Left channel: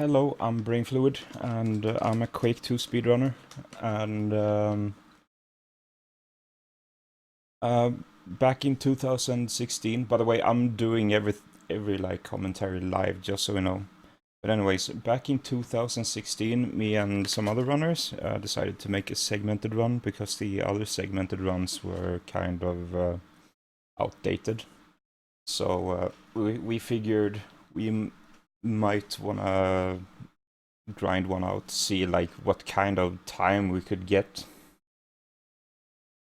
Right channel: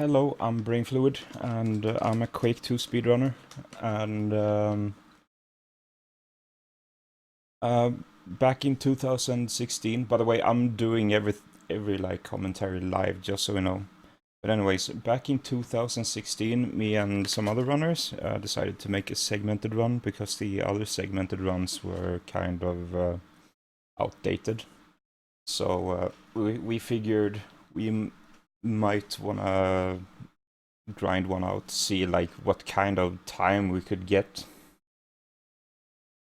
Hello, I'm Brain Fluid, and I'm a Quake 2 speedrunner. And back in 2016, by the way, I'm doing every like commentary live, just so you know. But anyways, back in 2016, me and some other runners decided to make a segmented run because the other segmented runs were kind of outdated. So we figured we might wanna grind one out, see like what kind of time we could get,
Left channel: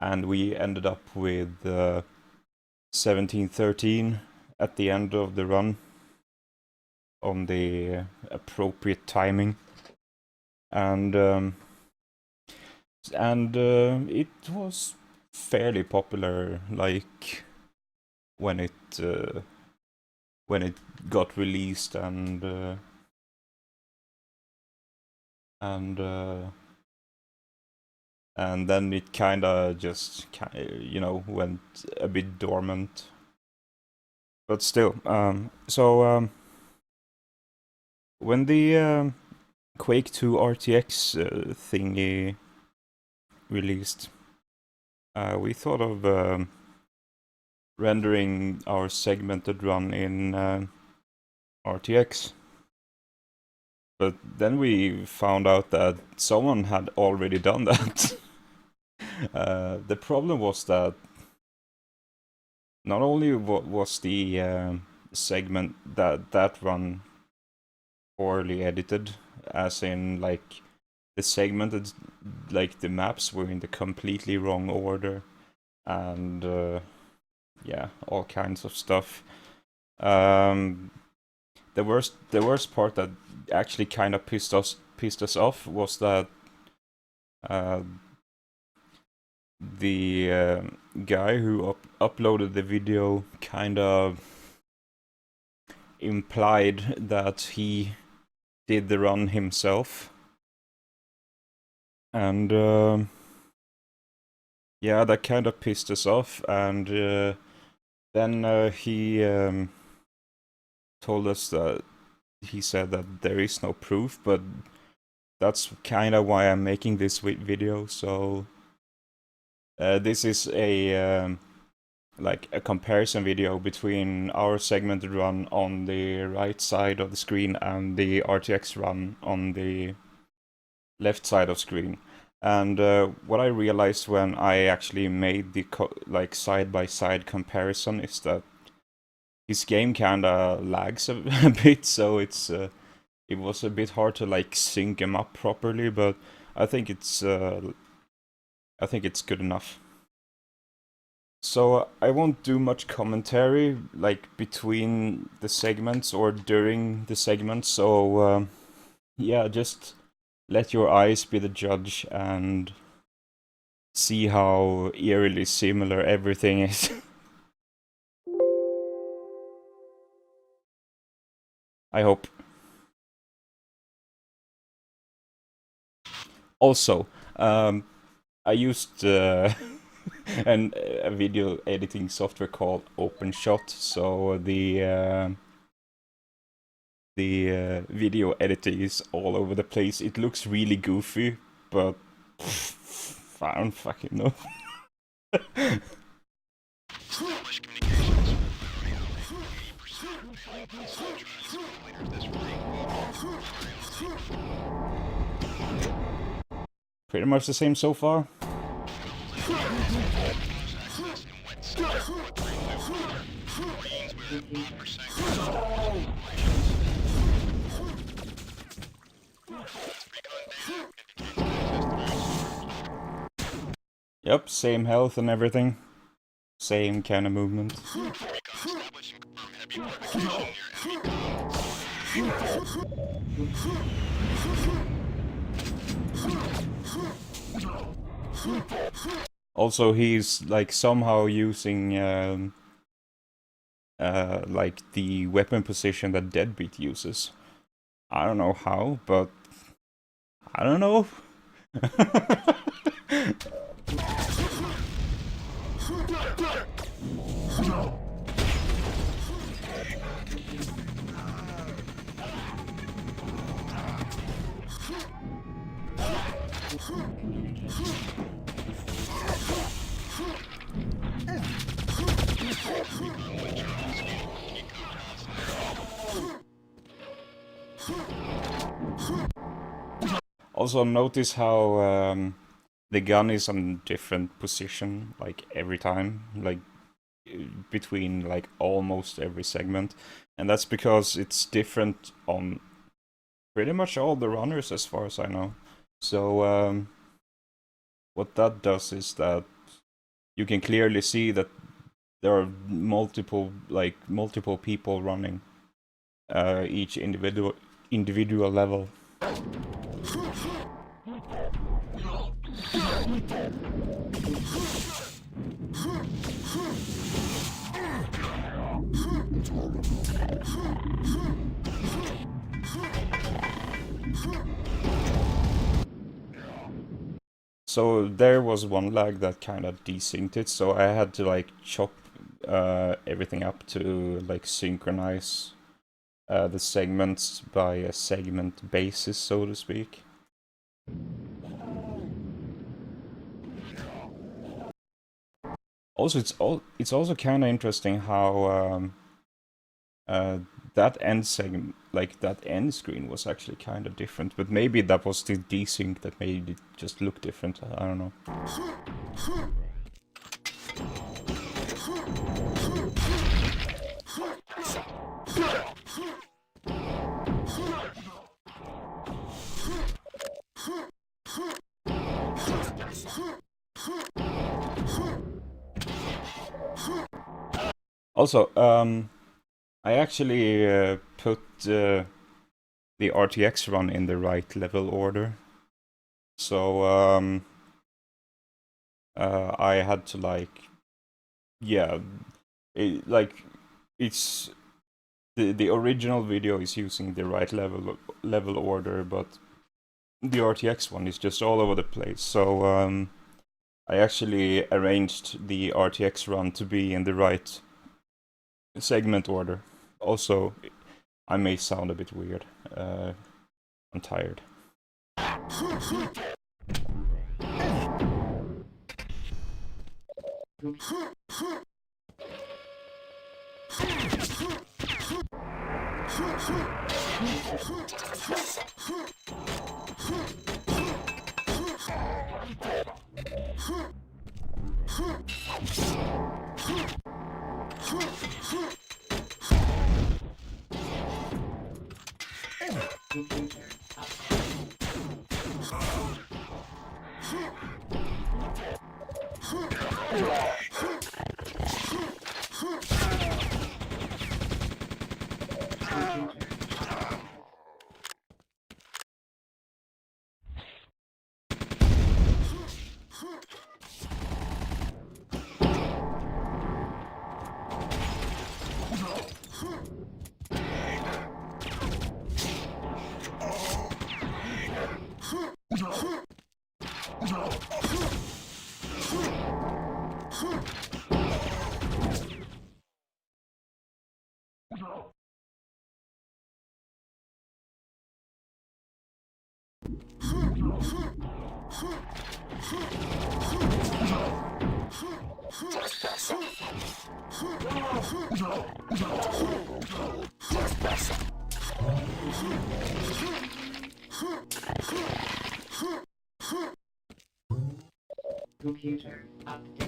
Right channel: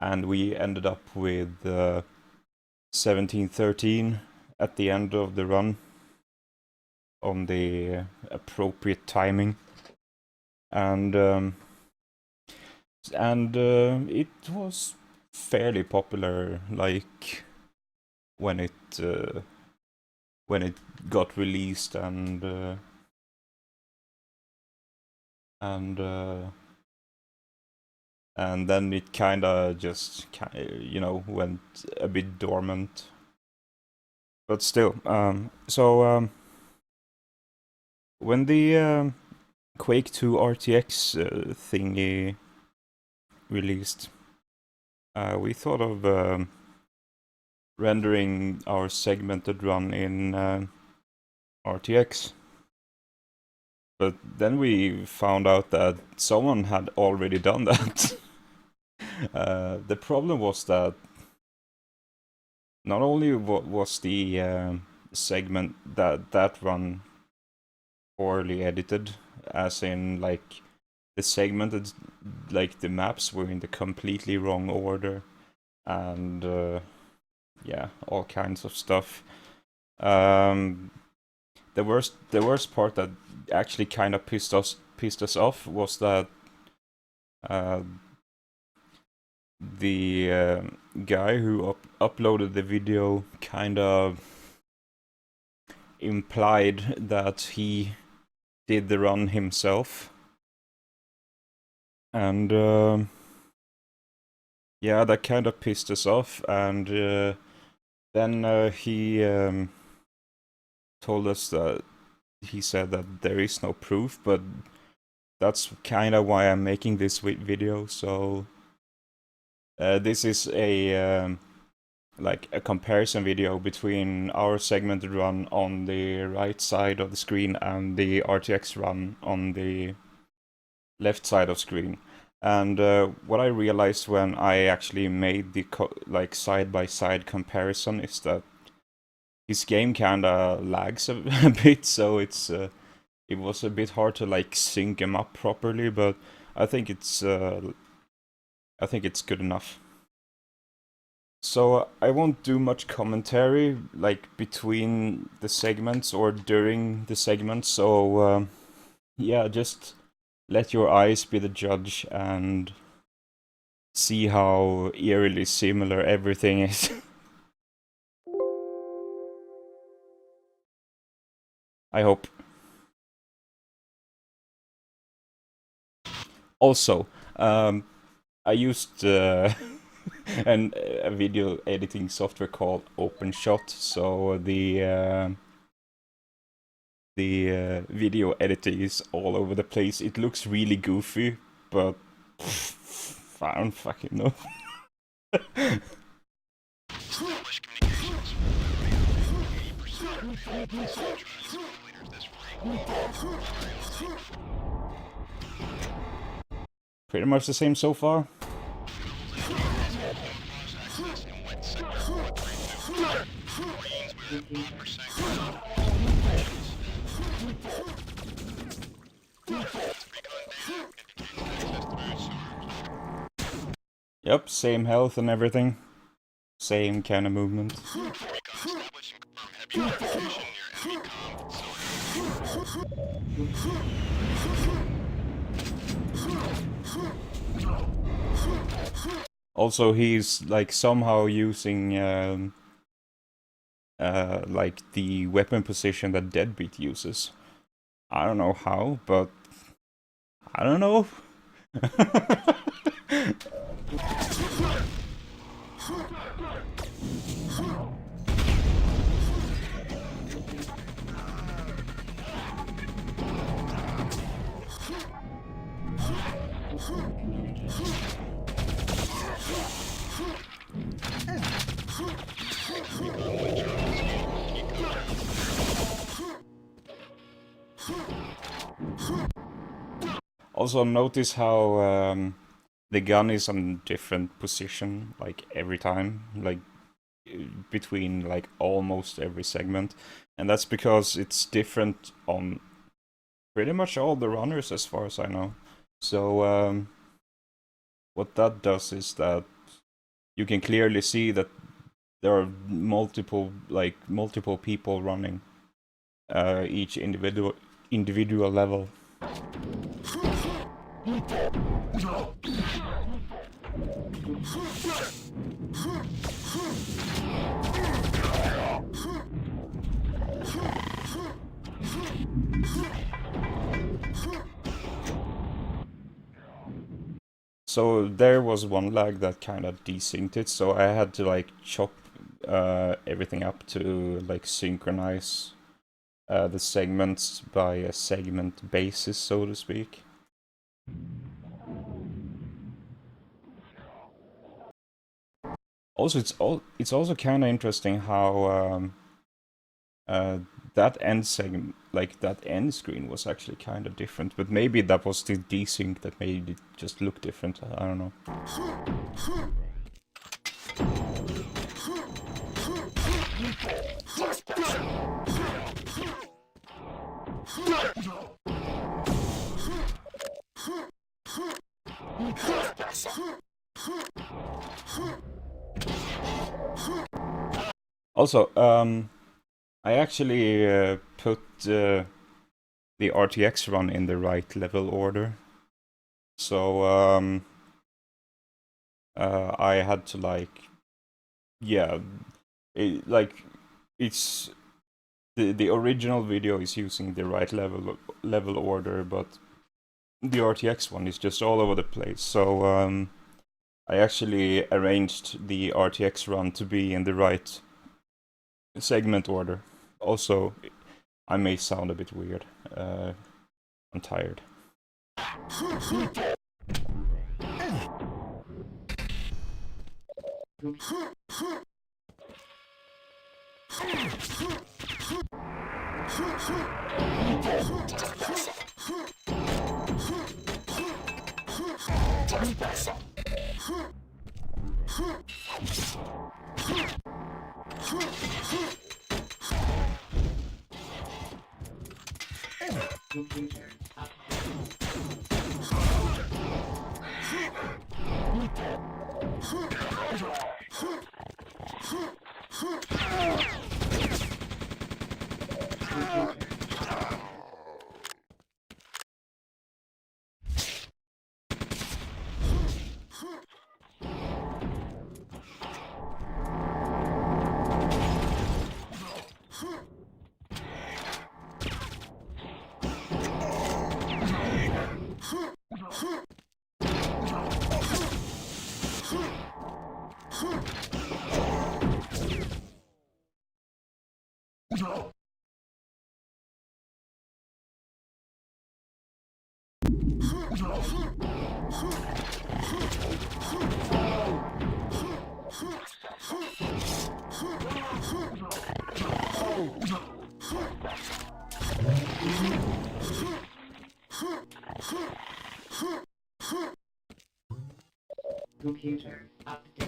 and we ended up with 1713 at the end of the run on the appropriate timing, and it was fairly popular, like when it got released, and then it kinda just, went a bit dormant. But still, when the Quake 2 RTX thingy released, we thought of rendering our segmented run in RTX. But then we found out that someone had already done that. The problem was that not only was the segment that run poorly edited, as in like the segmented, like the maps were in the completely wrong order, and yeah, all kinds of stuff. The worst part that actually kind of pissed us off was that the guy who uploaded the video kind of implied that he did the run himself, and yeah, that kind of pissed us off. And then he told us that he said that there is no proof, but that's kind of why I'm making this video. So this is a like a comparison video between our segmented run on the right side of the screen and the RTX run on the left side of screen. And what I realized when I actually made the like side-by-side comparison is that his game kinda lags a bit, so it was a bit hard to like sync him up properly, but I think it's good enough. So I won't do much commentary like between the segments or during the segments, so yeah, just let your eyes be the judge and see how eerily similar everything is. I hope. Also, I used a video editing software called OpenShot, so the video editing is all over the place. It looks really goofy, but I don't fucking know. Pretty much the same so far. Yep, same health and everything. Same kind of movement. Also, he's like somehow using like the weapon position that Deadbeat uses. I don't know how, but I don't know. Also notice how the gun is on different position, like every time, like between like almost every segment, and that's because it's different on pretty much all the runners as far as I know. So what that does is that you can clearly see that there are multiple people running each individual level. So there was one lag that kind of desynced it, so I had to like chop everything up to like synchronize the segments by a segment basis, so to speak. Also, it's also kind of interesting how that end segment, like that end screen, was actually kind of different. But maybe that was the desync that made it just look different. I don't know. Also, I actually put the RTX run in the right level order. So I had to like, yeah, it's the original video is using the right level order, but the RTX one is just all over the place. So I actually arranged the RTX run to be in the right segment order. Also, I may sound a bit weird. I'm tired. Computer update.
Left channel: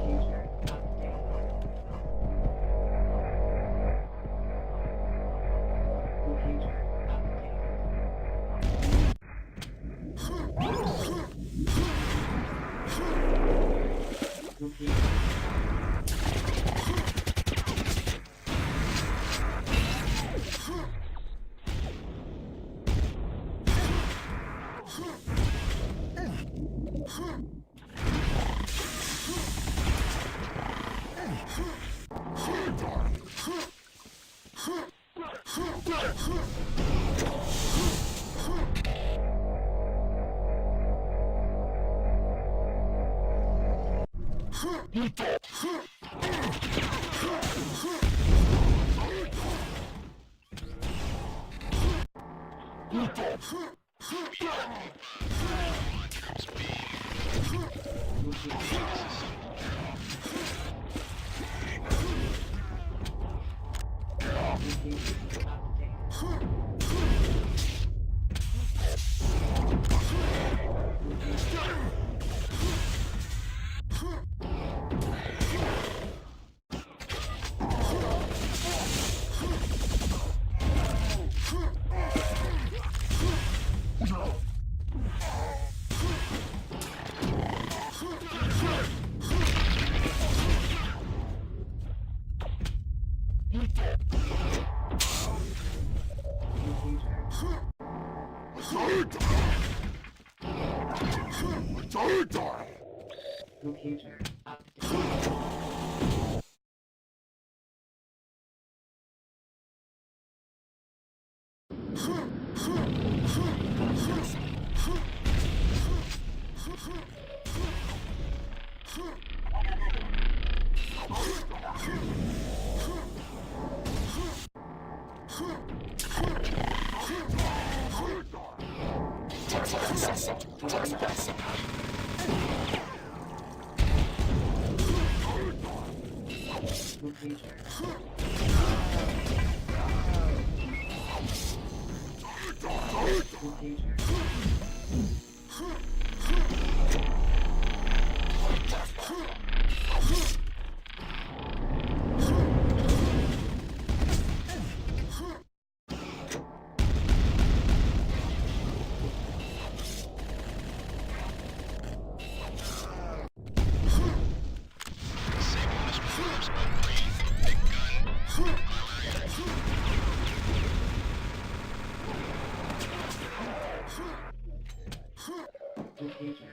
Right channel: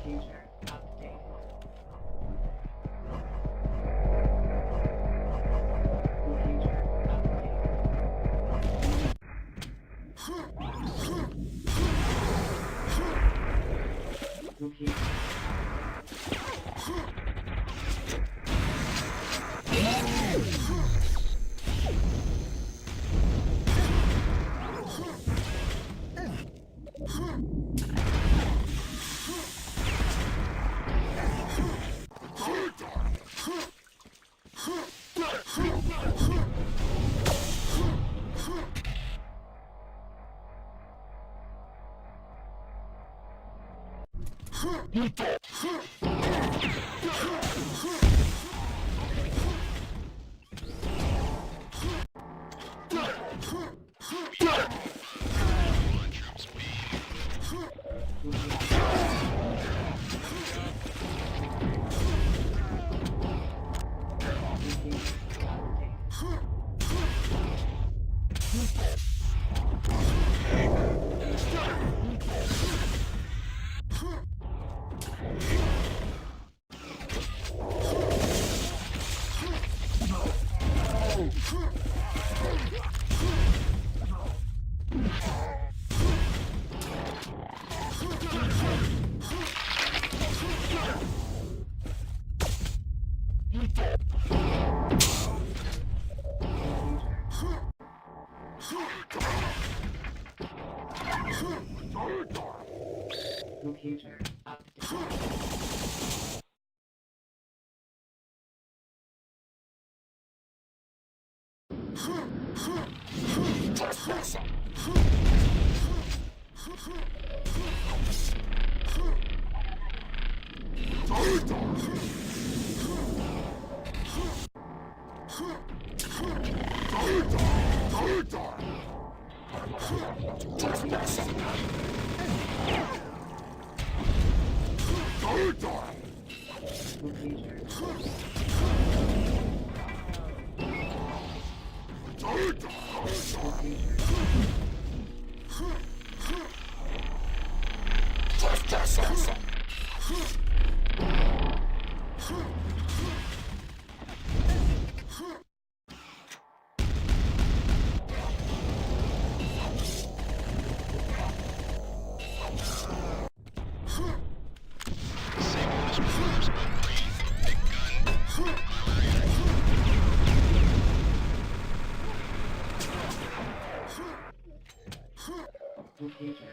Computer update. Computer update. Computer. Computer update. Locator. Locator.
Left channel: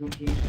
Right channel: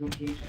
Locator. Locator.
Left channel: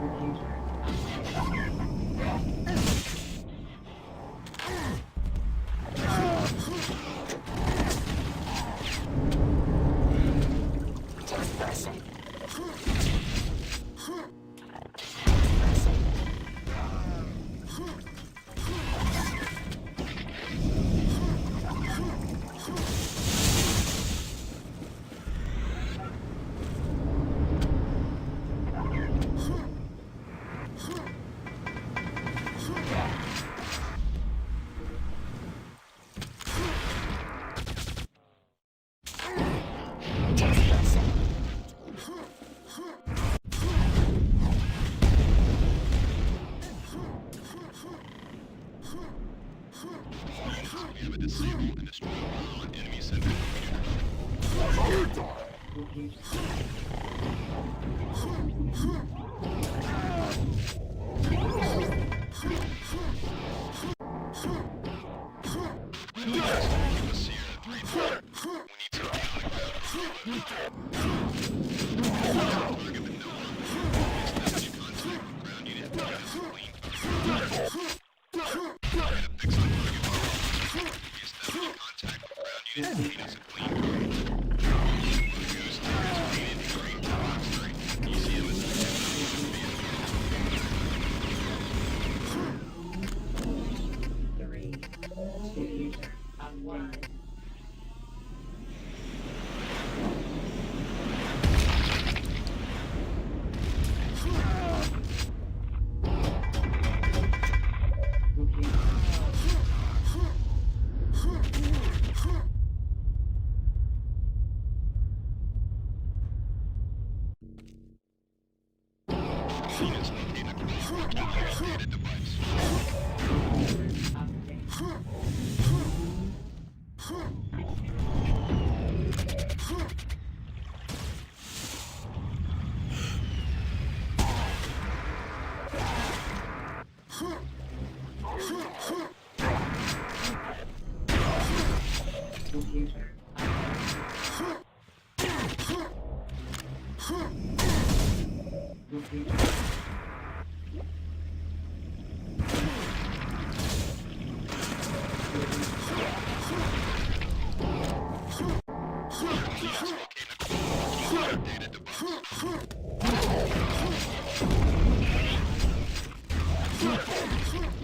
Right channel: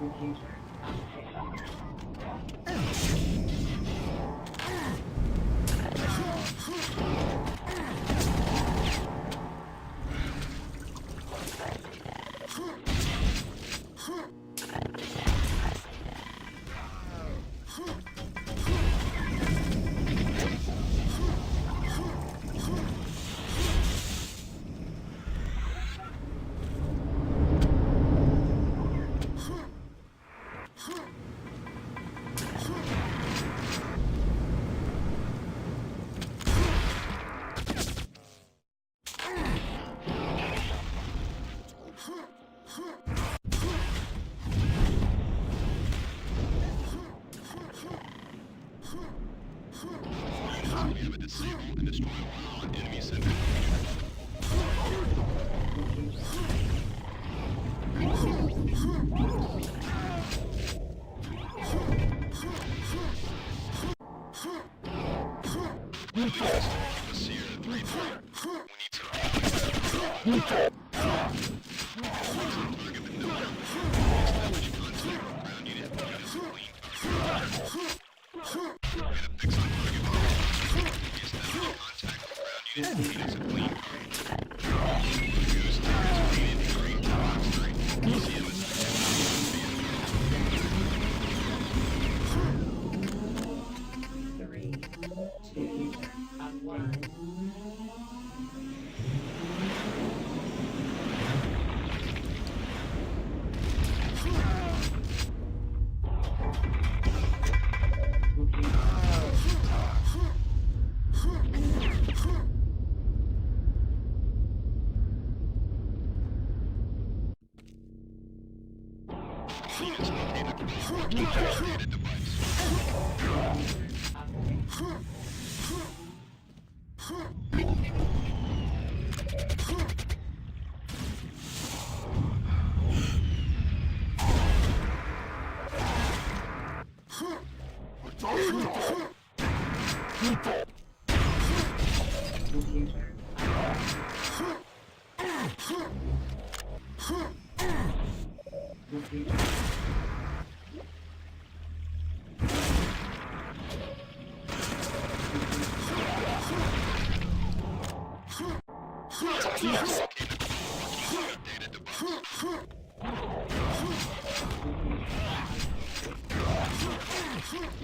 Locator. Three, two, one.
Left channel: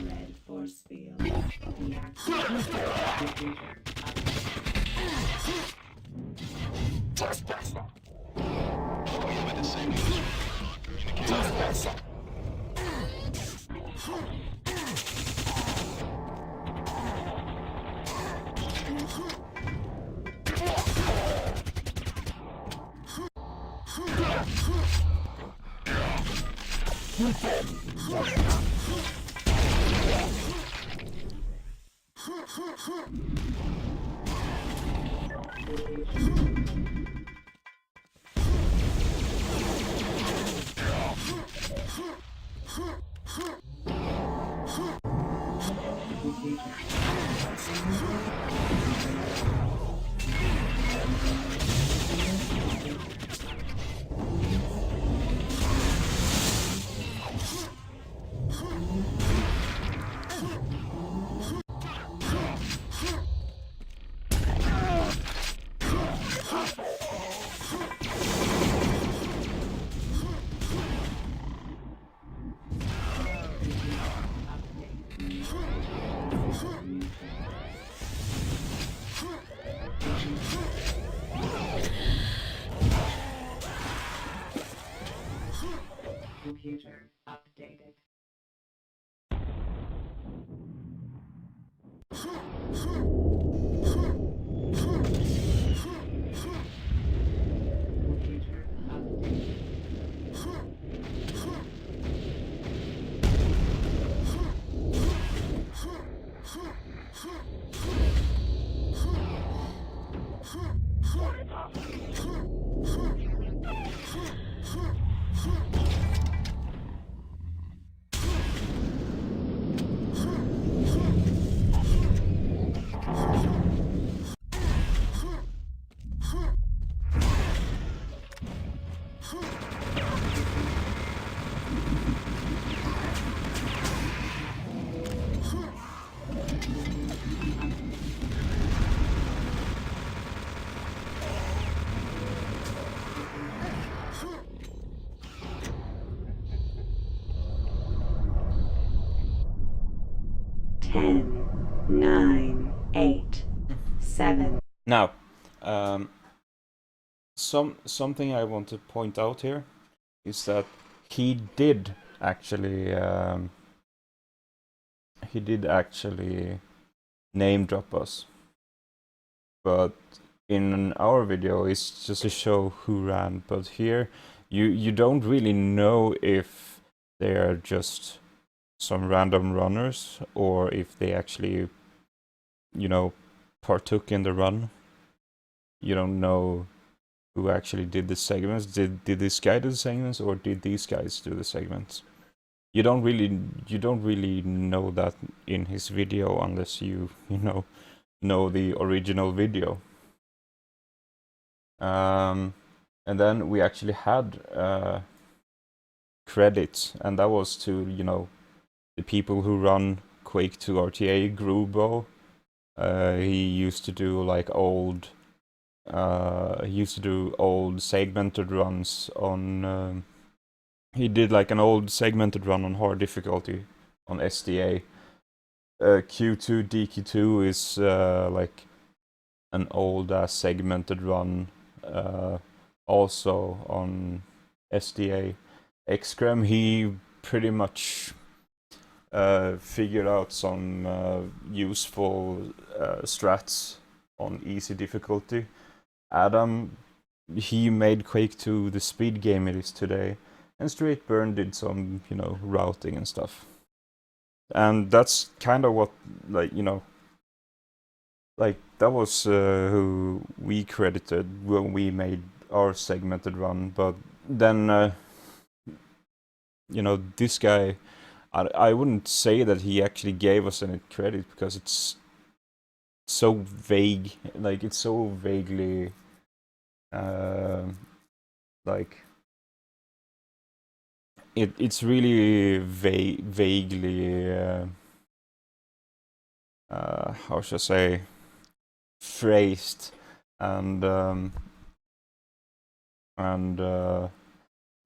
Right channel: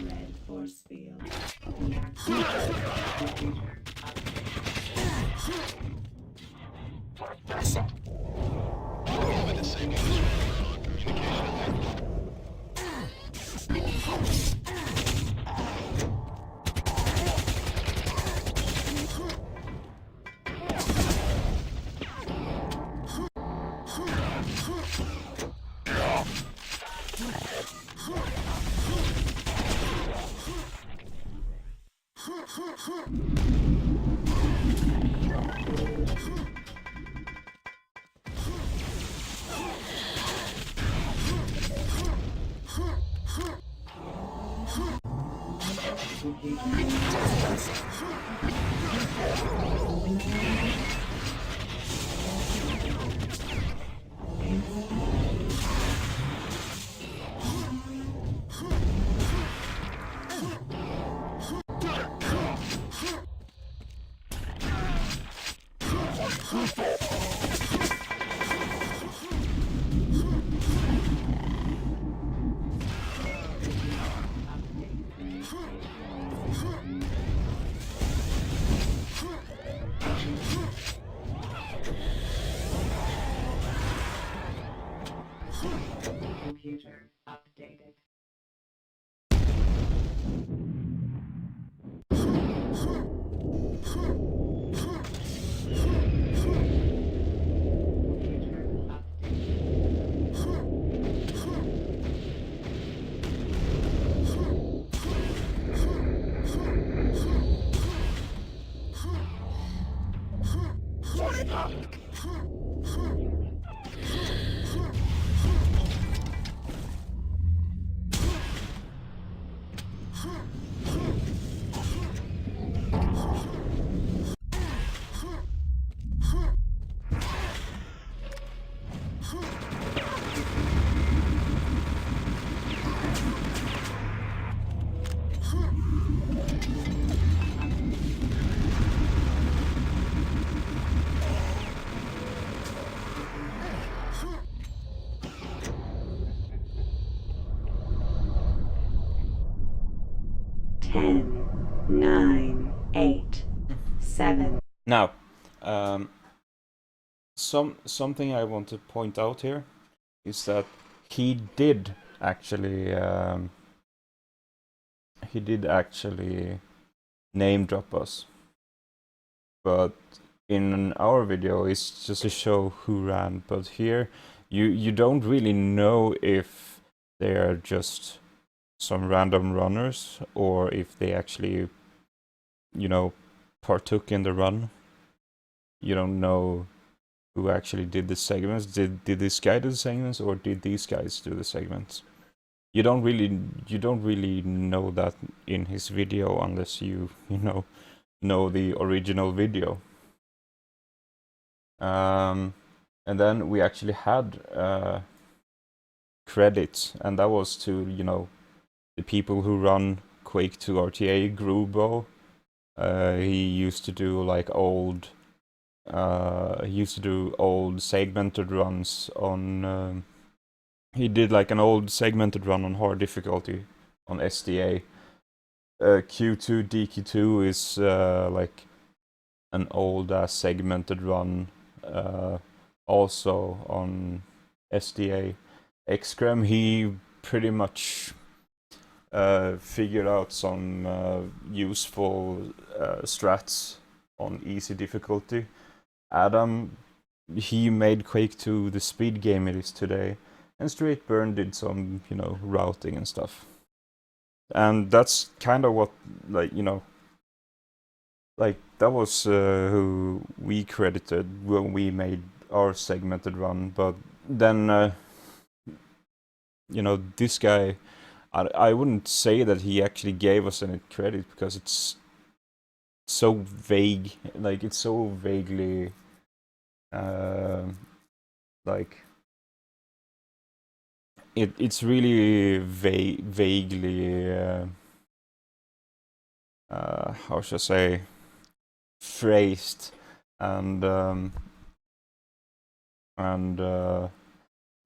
Red force field deactivated. Computer updated. Computer updated. Computer updated. Ten, nine, eight, seven. Now, um, something I want to point out here is that he did actually name drop us, but in our video it's just to show who ran. But here you don't really know if they are just some random runners or if they actually, you know, partook in the run. You don't know who actually did the segments. Did this guy do the segments, or did these guys do the segments? You don't really know that in his video unless you know the original video. And then we actually had credits, and that was to the people who run Quake 2 RTA. Grubo, he used to do like old segmented runs on. He did like an old segmented run on hard difficulty on SDA. Q2 DQ2 is like an old segmented run also on SDA. Xcrem, he pretty much figured out some useful strats on easy difficulty. Adam, he made Quake 2 the speed game it is today, and Straight Burn did some, routing and stuff. And that's kind of what, that was who we credited when we made our segmented run. But then, this guy, I wouldn't say that he actually gave us any credit because it's so vague. Like, it's so vaguely, like, it's really vaguely how should I say, phrased, and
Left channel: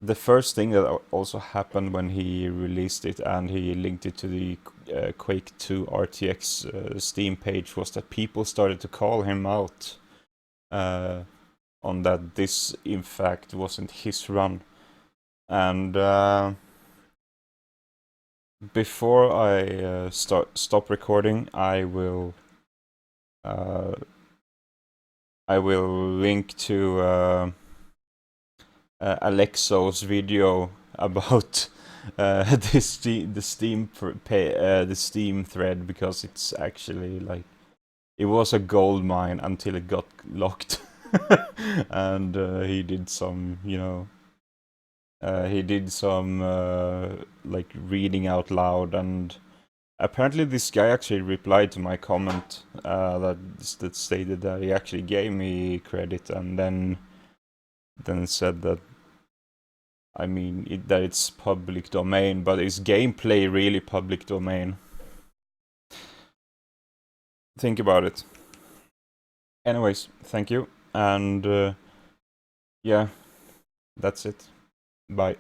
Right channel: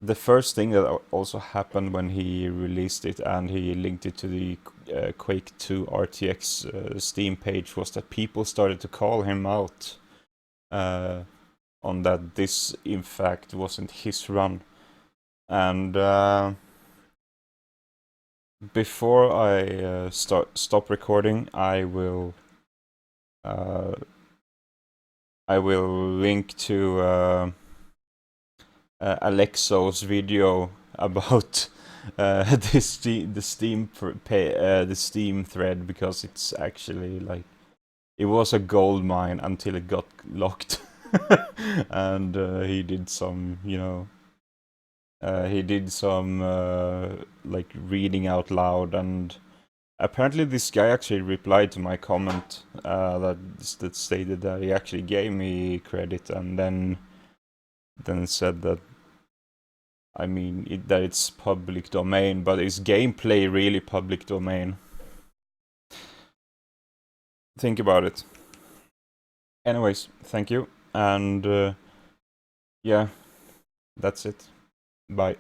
the first thing that also happened when he released it and he linked it to the Quake 2 RTX Steam page was that people started to call him out on that this in fact wasn't his run. And before I stop recording, I will link to Alexo's video about the Steam thread, because it's actually like, it was a gold mine until it got locked. And he did some, like reading out loud, and apparently this guy actually replied to my comment that stated that he actually gave me credit, and then said that, I mean, that it's public domain, but is gameplay really public domain? Think about it. Anyways, thank you, and yeah, that's it. Bye.